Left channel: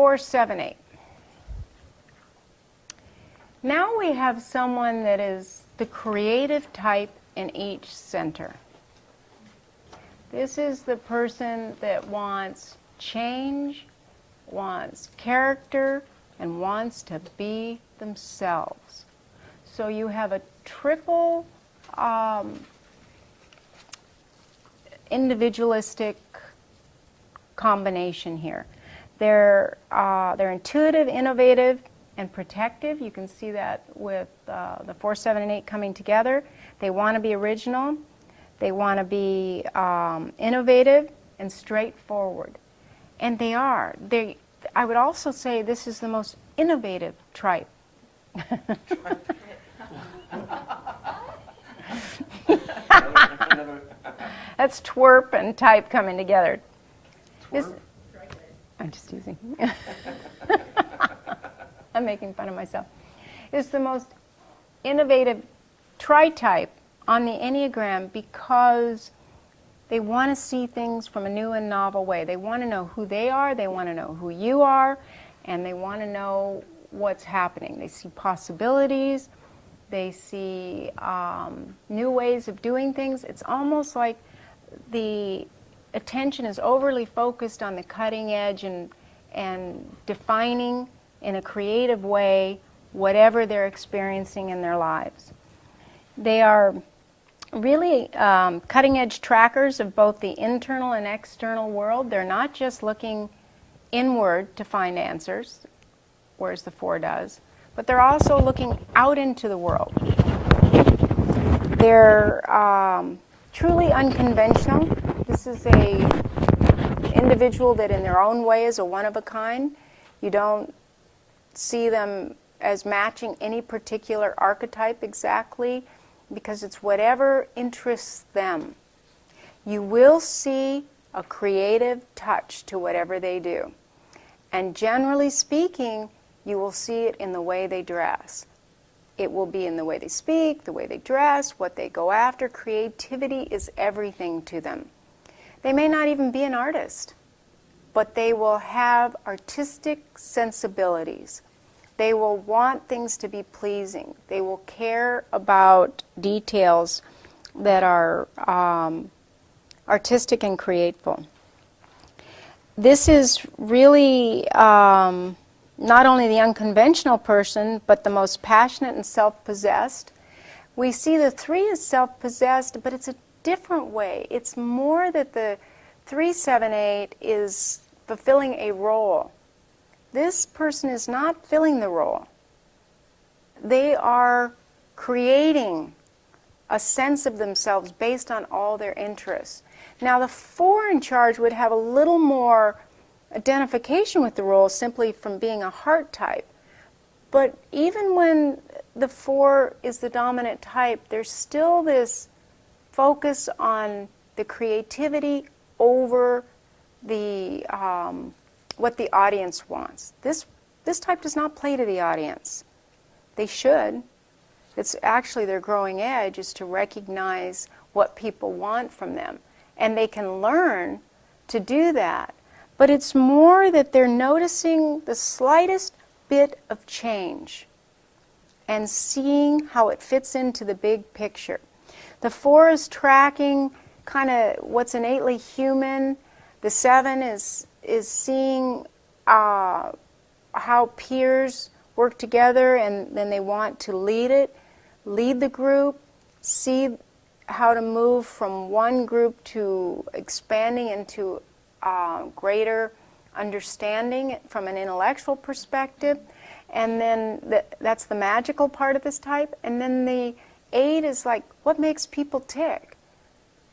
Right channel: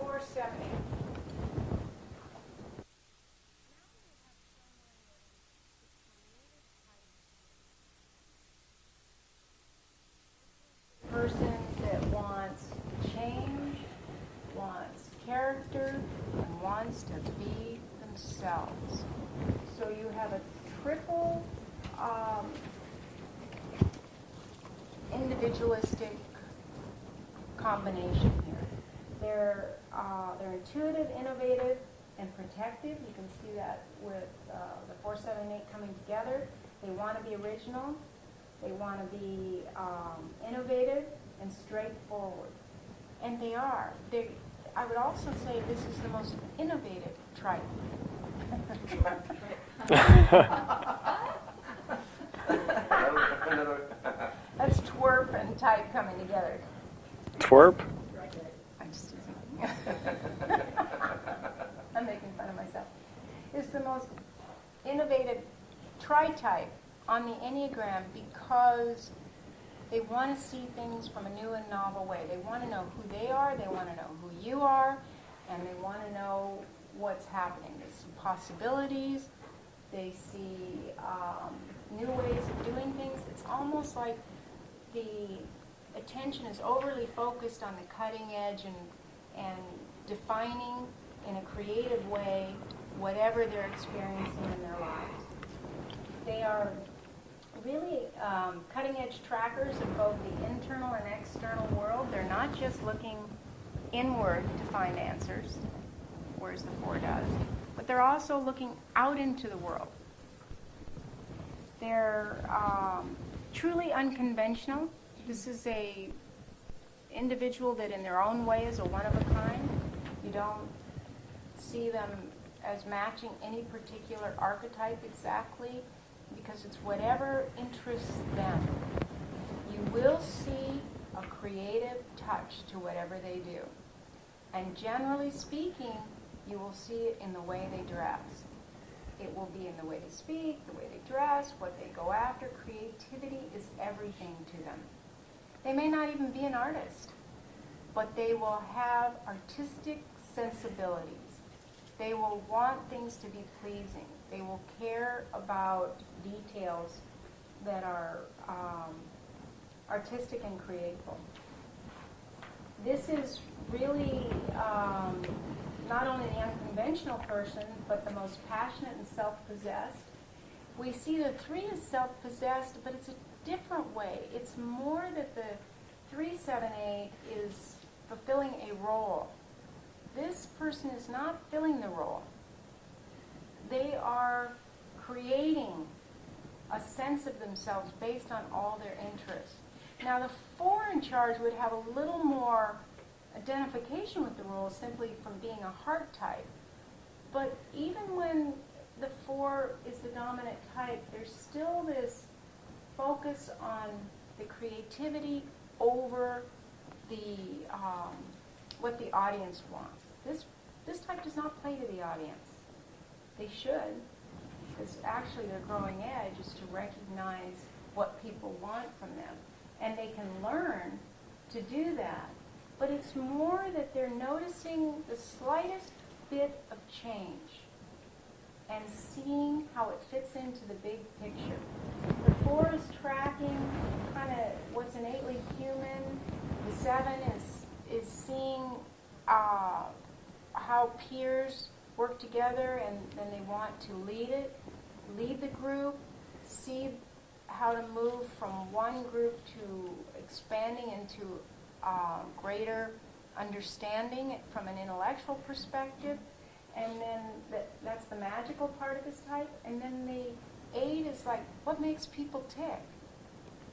4, 7, 8. Now we have someone that is the creative type in each center. This is the person that wants change, wants character, and wants to be themselves. So you have a triple individualistic combination here. They're intuitive, innovative, and protective. You can see that with the 4, 7, and 8 coming together. They want to be original. They want to be innovative and straightforward. And they are. I would also say this is the most innovative tripe. That's twerp and type coming together. Twerp? I'm just teasing. I'm making fun of myself. It's the most innovative tritype on the Enneagram because they want to see things from a new and novel way. They want to know who they are, they want to know who you are, and they want to know what's happening. They see possibilities, they see new ways of doing things. It's almost like the attention is overly focused on the cutting edge and defining in a creative way whatever they're experiencing in their lives. They are really cutting-edge trackers of both the internal and external world. They're not just looking inward to find answers, whereas the 4 does, but they're also looking out into the world. They're truly unconventional. This is a individual that in their own way is a one-of-a-kind. You don't see them as matching any particular archetype exactly, because it's whatever interests them. You will see a creative touch to whatever they do. And generally speaking, you will see it in the way they dress. It will be in the way they speak, the way they dress, what they go after. Creativity is everything to them. They may not even be an artist, but they will have artistic sensibilities. They will want things to be pleasing. They will care about details that are artistic and creative. This is really not only the unconventional person, but the most passionate and self-possessed. We see the 3 as self-possessed, but it's a different way. It's more that the 3, 7, 8 is fulfilling a role. This person is not filling the role. They are creating a sense of themselves based on all their interests. Now, the 4 in charge would have a little more identification with the role simply from being a heart type. But even when the 4 is the dominant type, there's still this focus on the creativity over the what the audience wants. This type does not play to the audience. They should. It's actually their growing edge is to recognize what people want from them. And they can learn to do that. But it's more that they're noticing the slightest bit of change and seeing how it fits into the big picture. The 4 is tracking kind of what's innately human. The 7 is seeing how peers work together, and then they want to lead the group, see how to move from one group to expanding into greater understanding from an intellectual perspective. And then that's the magical part of this type. And then the 8 is like, what makes people tick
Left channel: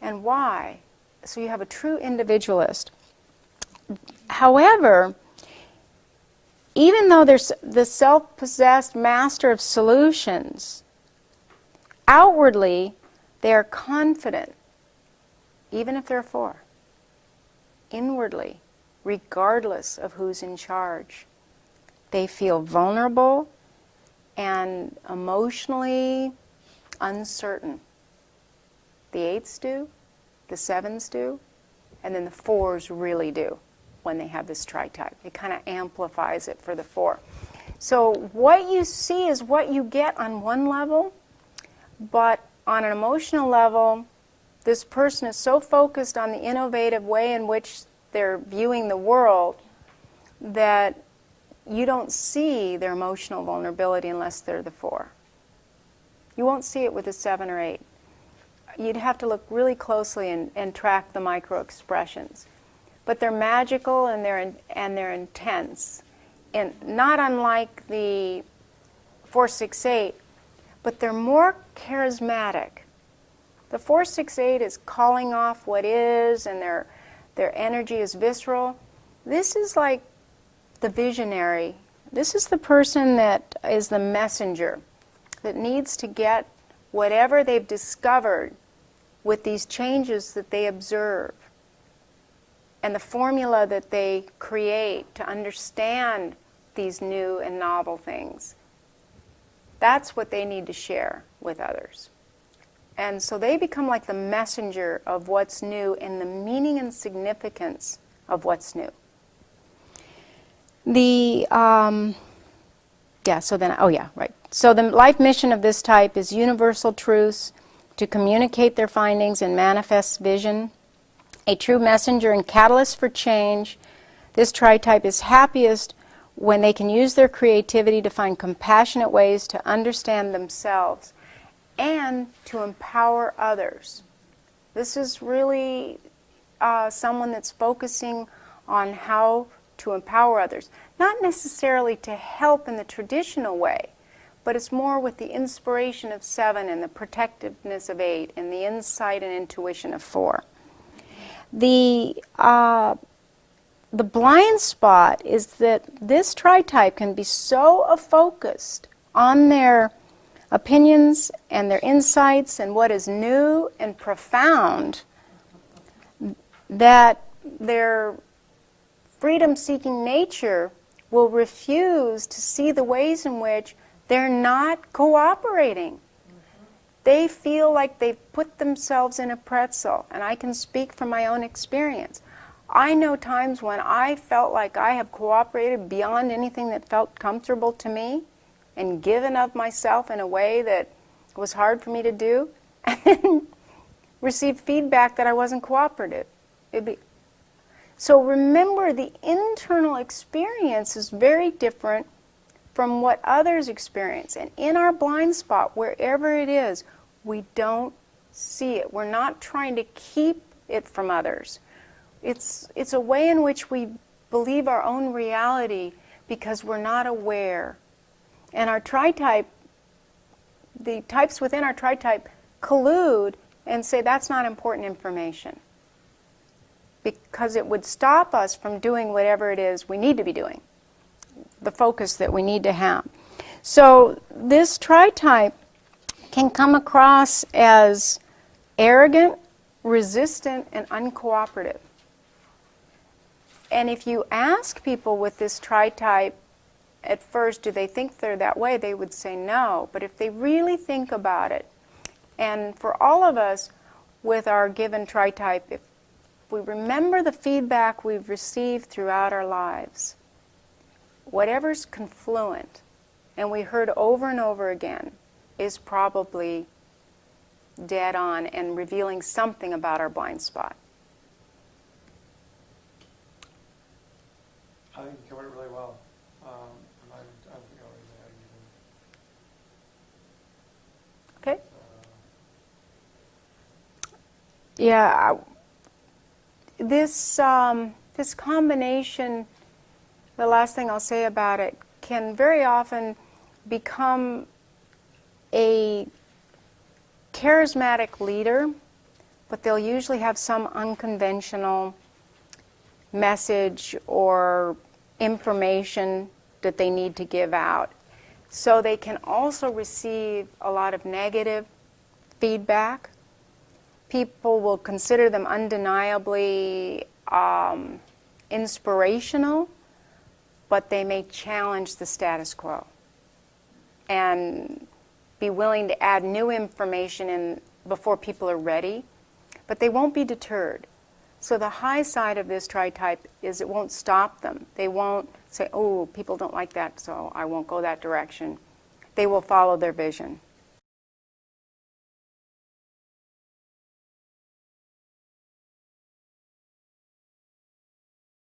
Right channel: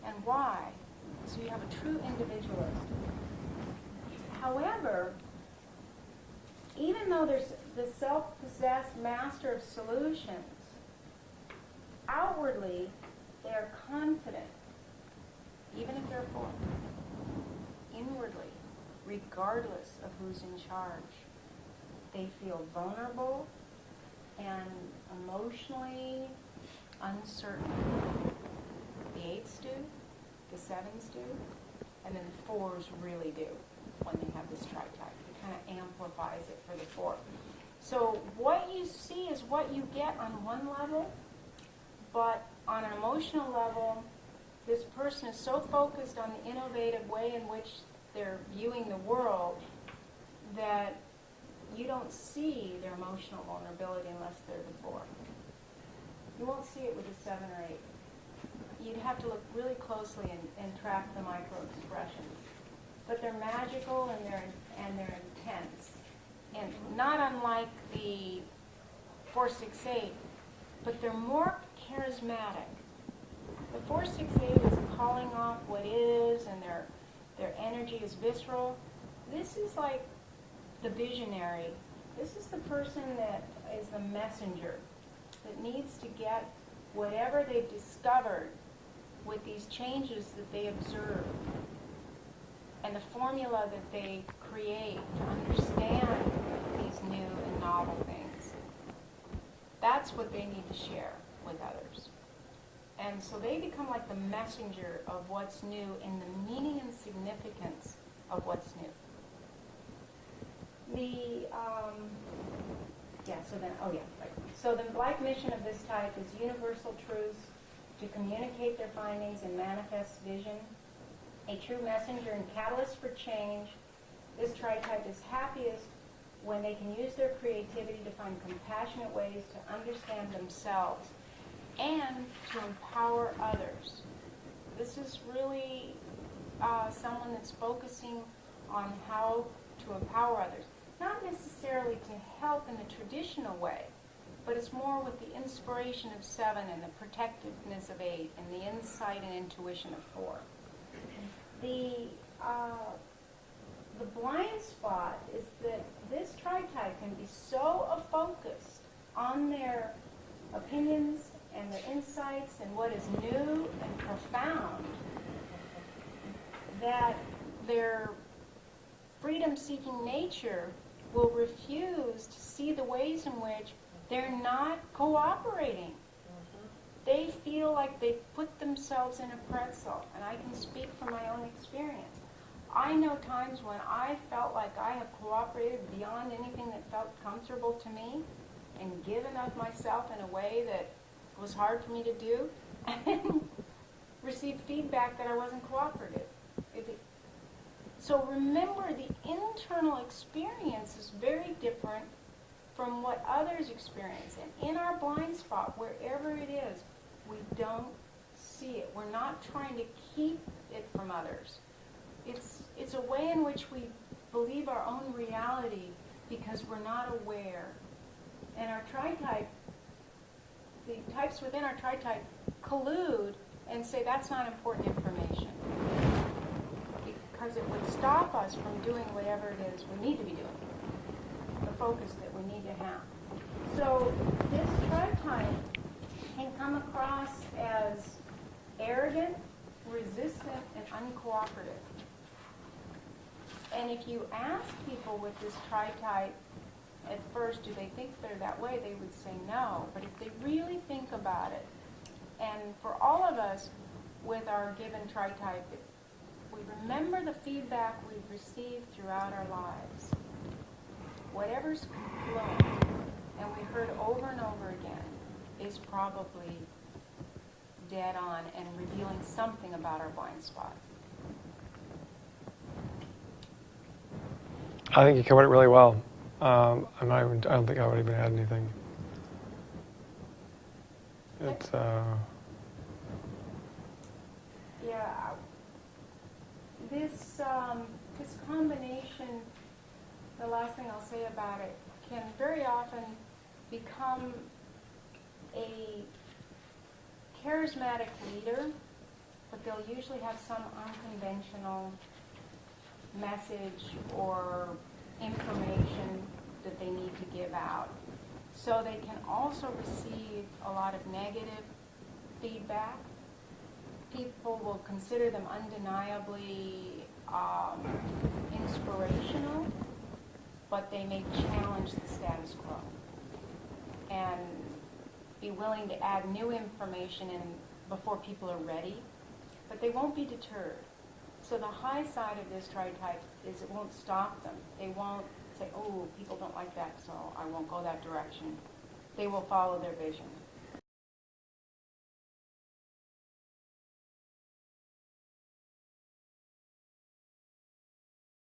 and why? So you have a true individualist. However, even though there's the self-possessed master of solutions, outwardly they are confident, even if they're 4. Inwardly, regardless of who's in charge, they feel vulnerable and emotionally uncertain. The 8s do, the 7s do, and then the 4s really do. when they have this tritype. It kind of amplifies it for the 4. So what you see is what you get on one level, but on an emotional level, this person is so focused on the innovative way in which they're viewing the world that you don't see their emotional vulnerability unless they're the 4. You won't see it with a 7 or 8. You'd have to look really closely and track the micro expressions. But they're magical and they're intense. And not unlike the 4, 6, 8, but they're more charismatic. The 4, 6, 8 is calling off what is, and their energy is visceral. This is like the visionary. This is the person that is the messenger, that needs to get whatever they've discovered with these changes that they observe and the formula that they create to understand these new and novel things. That's what they need to share with others. And so they become like the messenger of what's new and the meaning and significance of what's new. So the life mission of this type is universal truths, to communicate their findings and manifest vision, a true messenger and catalyst for change. This tritype is happiest when they can use their creativity to find compassionate ways to understand themselves and to empower others. This is really someone that's focusing on how to empower others. Not necessarily to help in the traditional way, but it's more with the inspiration of 7 and the protectiveness of 8 and the insight and intuition of 4. The blind spot is that this tritype can be so focused on their opinions and their insights and what is new and profound that their freedom-seeking nature will refuse to see the ways in which they're not cooperating. They feel like they've put themselves in a pretzel, and I can speak from my own experience. I know times when I felt like I have cooperated beyond anything that felt comfortable to me and given of myself in a way that was hard for me to do, and then received feedback that I wasn't cooperative. So remember, the internal experience is very different from what others experience. And in our blind spot, wherever it is, we don't see it. We're not trying to keep it from others. It's a way in which we believe our own reality because we're not aware. And our tritype, the types within our tritype collude and say that's not important information, because it would stop us from doing whatever it is we need to be doing, the focus that we need to have. So this tritype can come across as arrogant, resistant, and uncooperative. And if you ask people with this tritype at first, do they think they're that way, they would say no. But if they really think about it, and for all of us with our given tritype, if we remember the feedback we've received throughout our lives, whatever's confluent, and we heard over and over again, is probably dead on and revealing something about our blind spot. I think you covered it really well. I don't think I would even add anything. Okay. This combination, the last thing I'll say about it, can very often become a charismatic leader, but they'll usually have some unconventional message or information that they need to give out. So they can also receive a lot of negative feedback. People will consider them undeniably inspirational, but they may challenge the status quo and be willing to add new information in before people are ready, but they won't be deterred. So the high side of this tritype is it won't stop them. They won't say, oh, people don't like that, so I won't go that direction. They will follow their vision.